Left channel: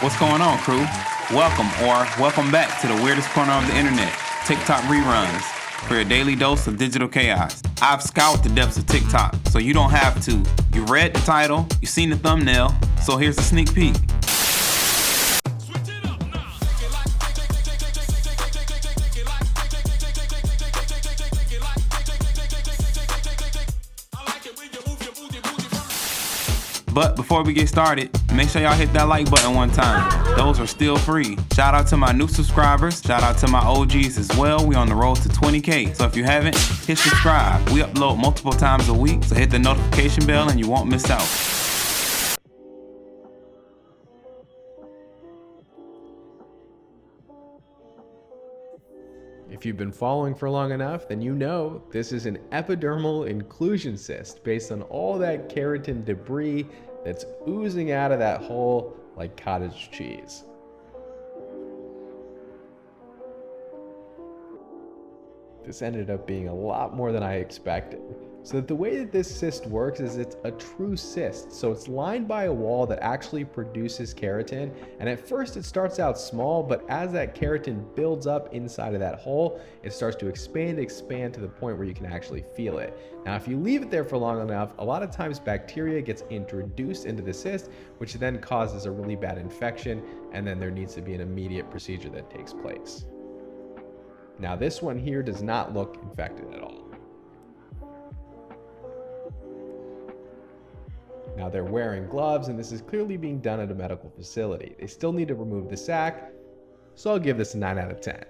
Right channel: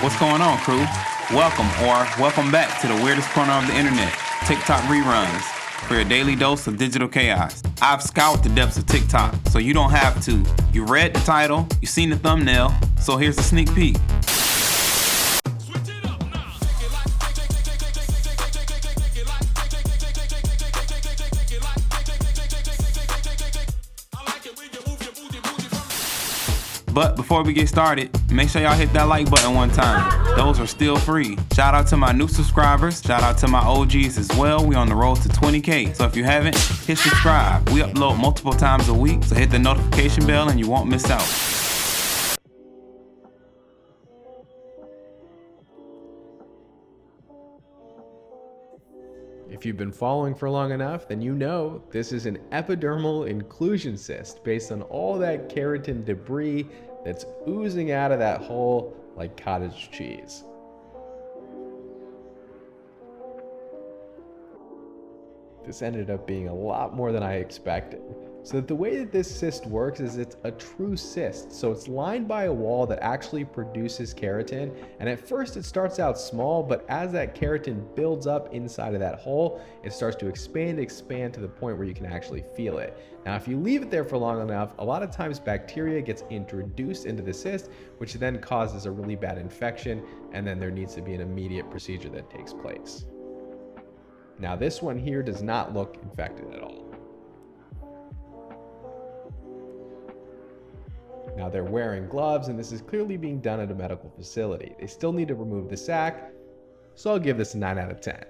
What's going on, crew? Welcome back to the weirdest corner of the internet, TikTok Reruns, for your daily dose of digital chaos. I've scoured the depths of TikTok, so you don't have to. You read the title, you seen the thumbnail, so here's a sneak peek. But before we get started, make sure y'all hit that like button one time. Those are still free. Shout out to my new subscribers. Shout out to my OGs as well. We on the road to 20K. So if you haven't, hit subscribe. We upload multiple times a week, so hit the notification bell and you won't miss out. If you've been following for long enough, then you know this is an epidermal inclusion cyst based on all that keratin debris that's oozing out of that hole like cottage cheese. This ended up being a lot more than I expected. So the way that this cyst works is it's a true cyst. So it's lined by a wall that actually produces keratin. And at first it starts out small, but as that keratin builds up inside of that hole, it starts to expand to the point where you can actually feel it. Now, if you leave it there for long enough, a lot of times bacteria gets introduced into the cyst, which then causes a really bad infection. And then there needs to be an immediate procedure that takes place. Now, this one here does not look infected at all. Now they're wearing gloves, and this is clearly being done at a medical facility. They still need to remove the sac, so I'll give this a 9 out of 10.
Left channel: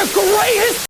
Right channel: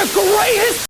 the greatest.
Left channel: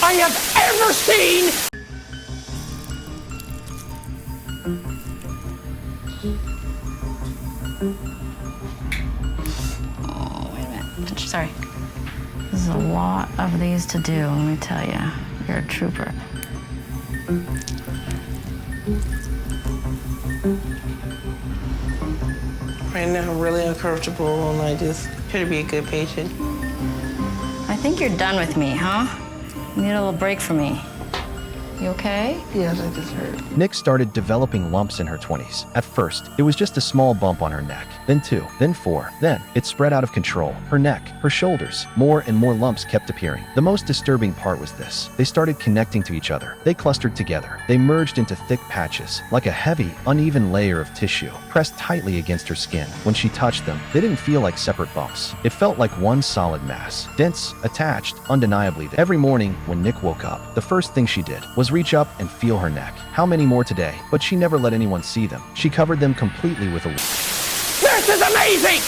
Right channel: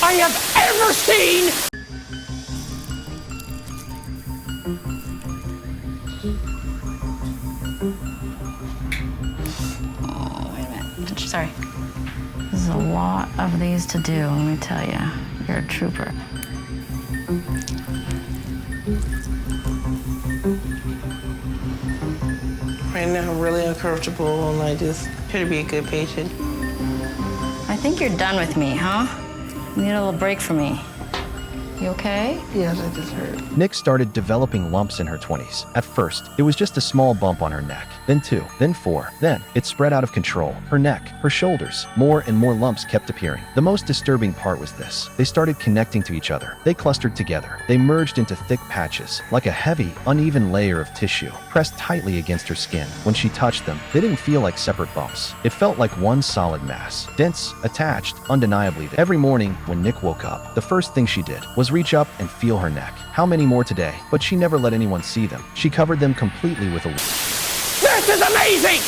I have ever seen. Oh, wait a minute. Sorry. This is a lot of these to do, let me tell you. You're a trooper. Right now, I'm really uncomfortable, and I just try to be a good patient. I think you're done with me, huh? You need a little break from me. You okay? Yes, I just hurt. Nick started developing lumps in her 20s. At first, it was just a small bump on her neck, then 2, then 4. Then, it spread out of control. Her neck, her shoulders, more and more lumps kept appearing. The most disturbing part was this. They started connecting to each other. They clustered together. They merged into thick patches, like a heavy, uneven layer of tissue, pressed tightly against her skin. When she touched them, they didn't feel like separate bumps. It felt like one solid mass, dense, attached, undeniably. Every morning, when Nick woke up, the first thing she did was reach up and feel her neck. How many more today? But she never let anyone see them. She covered them completely with a... This is amazing.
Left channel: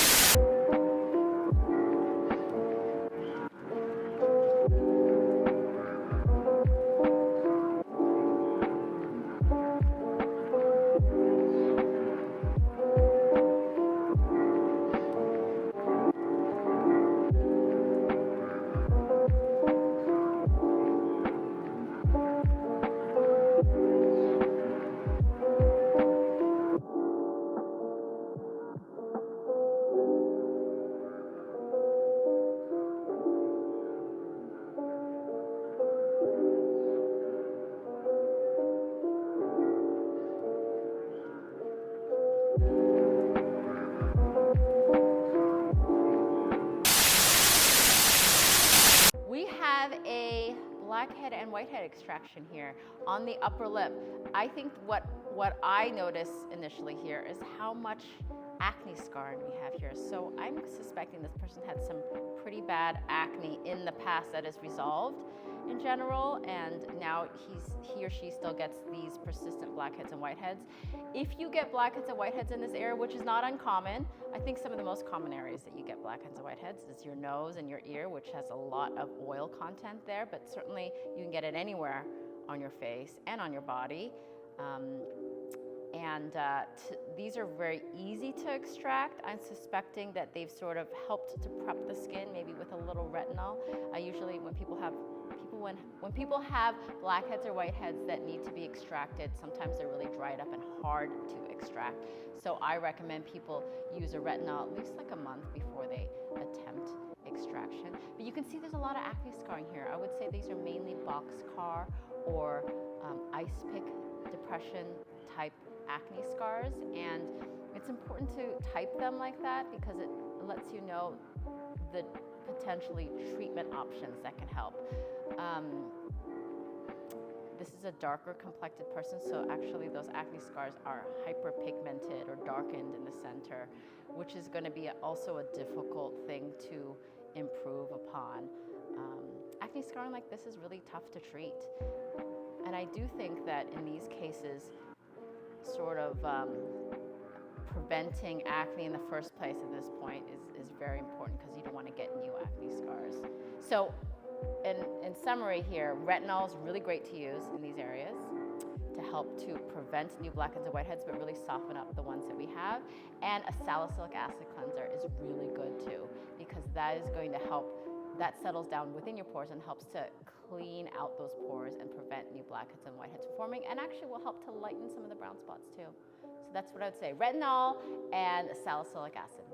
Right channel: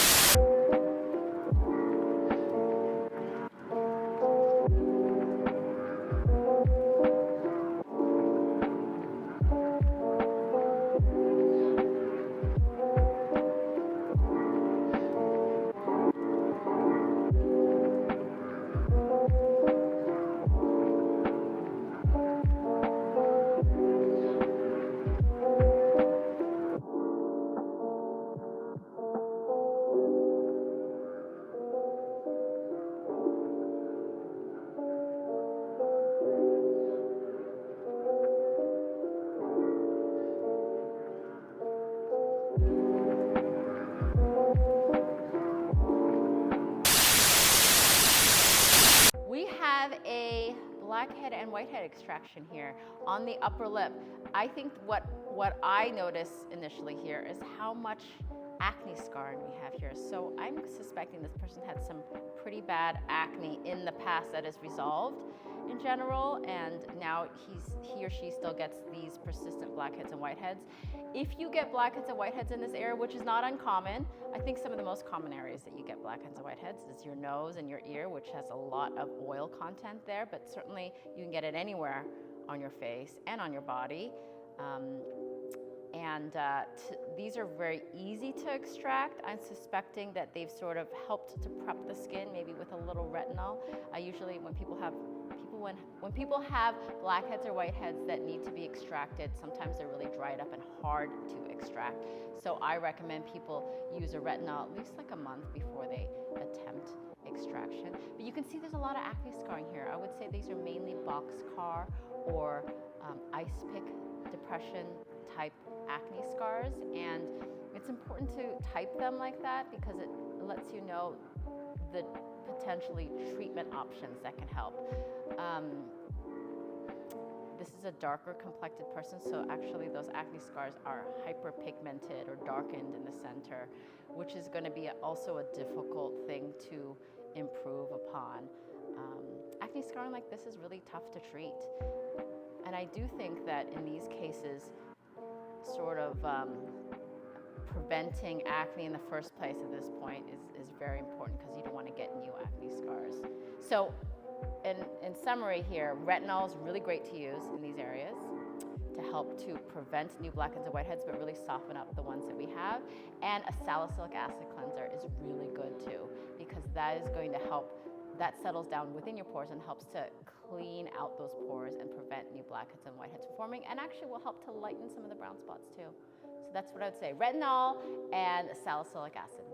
We have a blackhead and whitehead extraction here on the upper lip. I think what I notice initially here is how much acne scarring we have here. So I'm suspecting this person had some pretty bad acne in the past that is resolved in general, and now he or she still gets these persistent blackheads and whiteheads. If you get blackheads and whiteheads in this area, which is not uncommon, I think some of the most common areas that you get blackheads and whiteheads is your nose and your ear, which has a lot of oil content there, but certainly you can get it anywhere on your face and on your body. These are very easy to extract. I'm suspecting that they've sort of helped to prep the skin, maybe with a little retinol. I usually, when people have blackheads or whiteheads that need to be extracted, sometimes they're really dried up and hard to extract. So I recommend people use a retinol at least like a month before they attempt extraction. But you can see there's a lot of acne scarring here. I would say these are mainly boxcar or ice pick depression type acne scars, and it's important to type them like that because it lets you know the potentially treatment options that can help. This is a darker complected person, so actually those acne scars are hyperpigmented or darkened in the center, which is going to be also a difficult thing to improve upon. Acne scarring like this is really tough to treat, and I do think that in these cases, sort of preventing acne in the first place at this point is very important because you don't want to get new acne scars. So in summary here, retinol is really great to use in these areas to help to prevent new blackheads and whiteheads, but really soften up the ones that we have. And a salicylic acid cleanser is really good too, because that is going to help, that settles down within your pores and helps to clean out those pores and prevent new blackheads and whiteheads from forming, and actually will help to lighten some of the brown spots too. So that's what I would say, retinol and salicylic acid.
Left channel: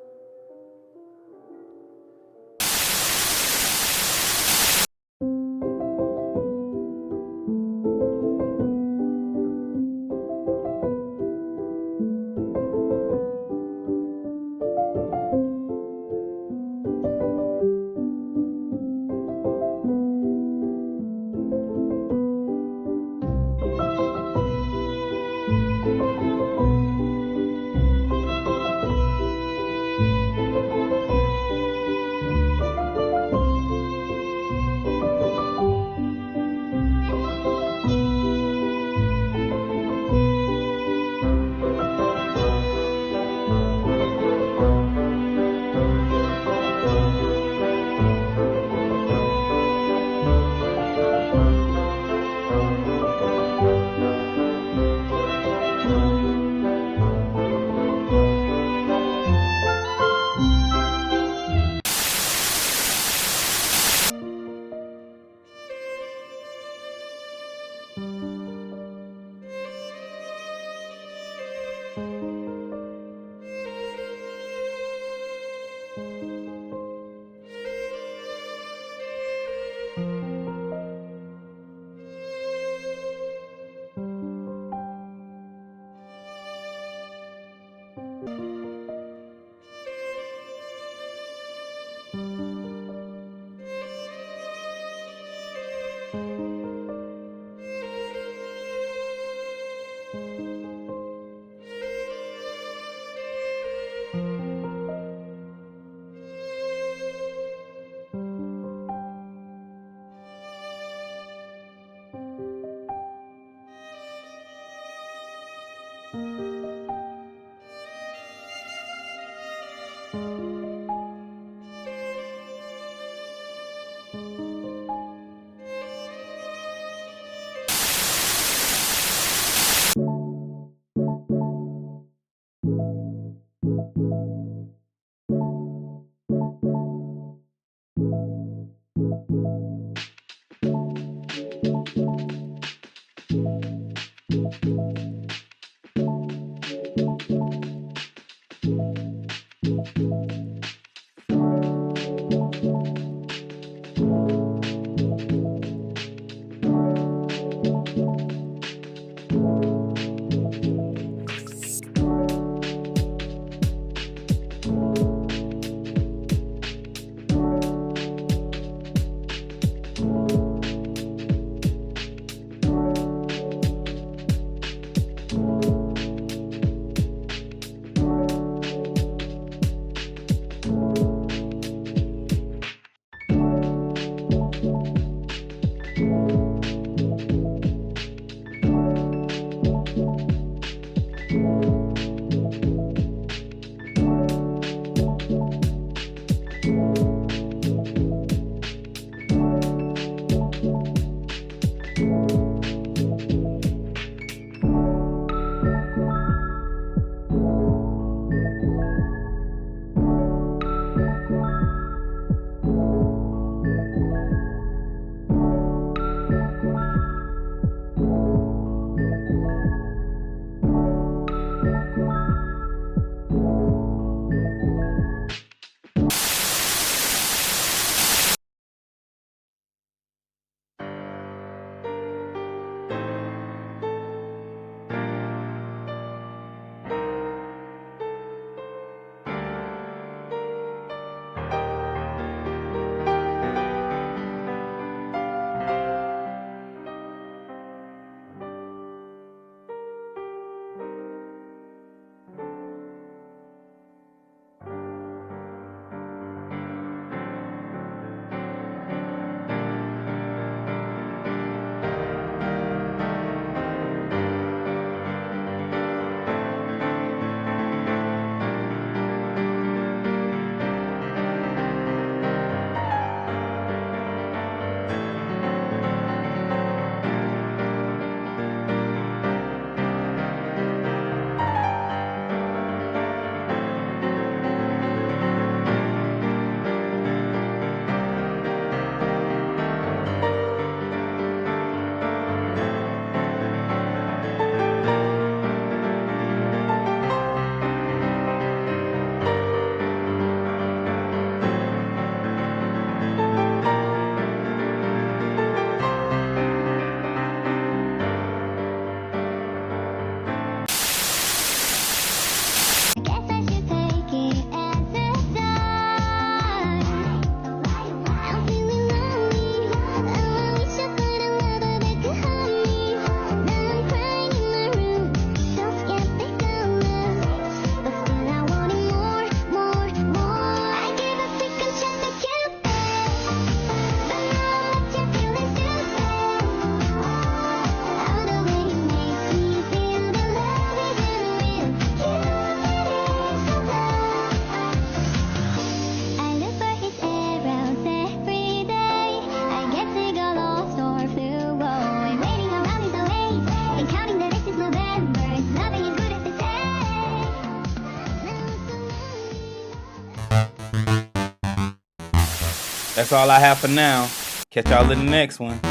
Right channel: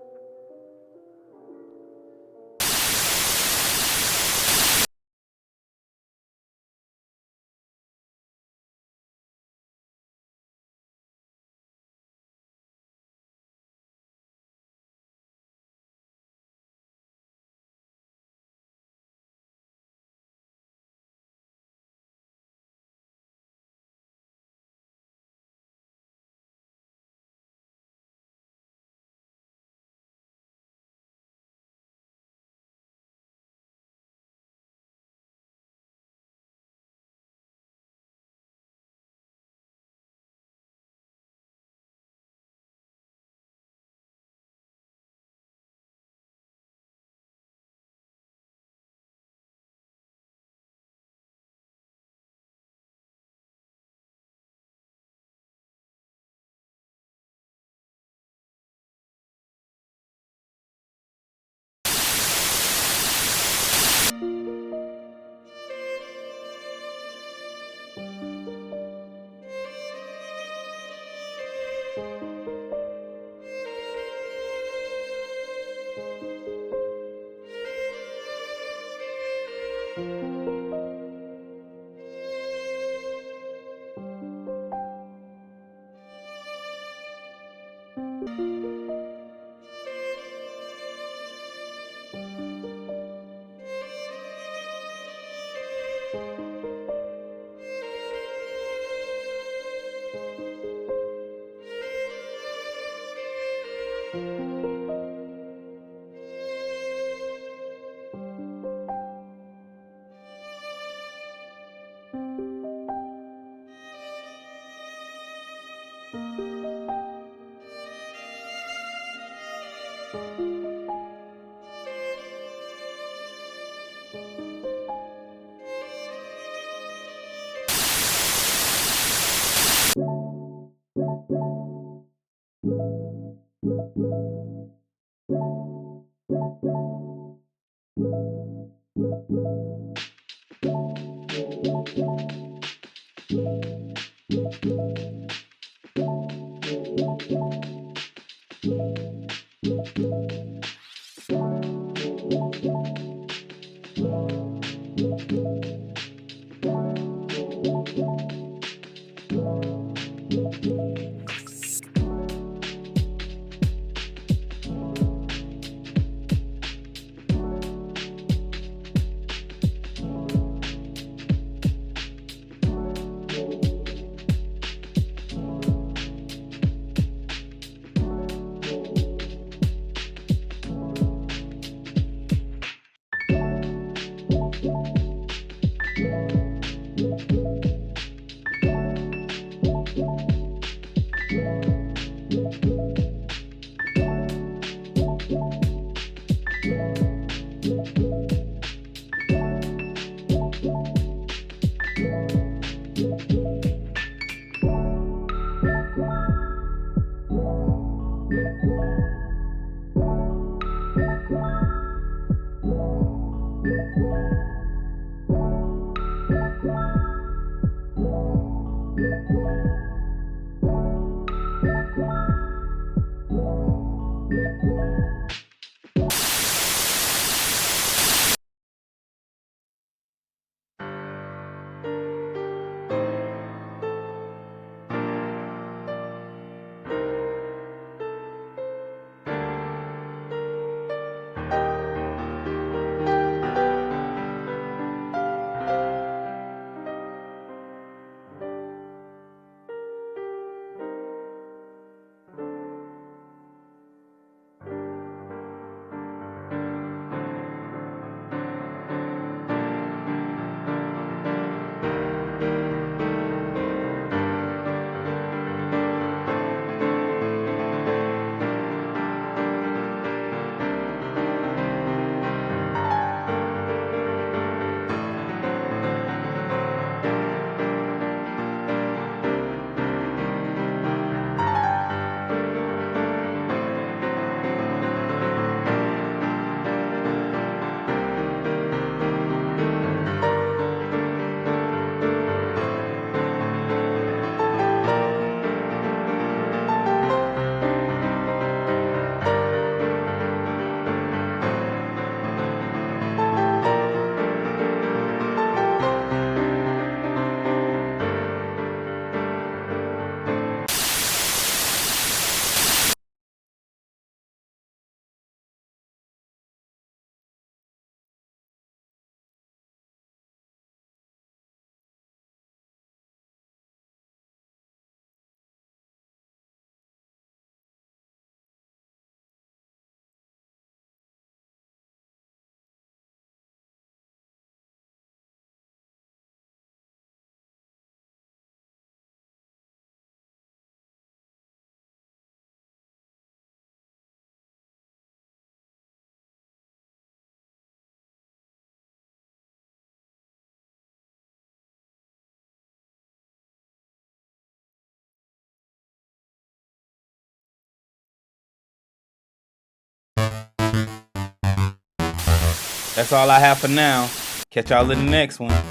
That's all I have for now. Catch y'all in the next one.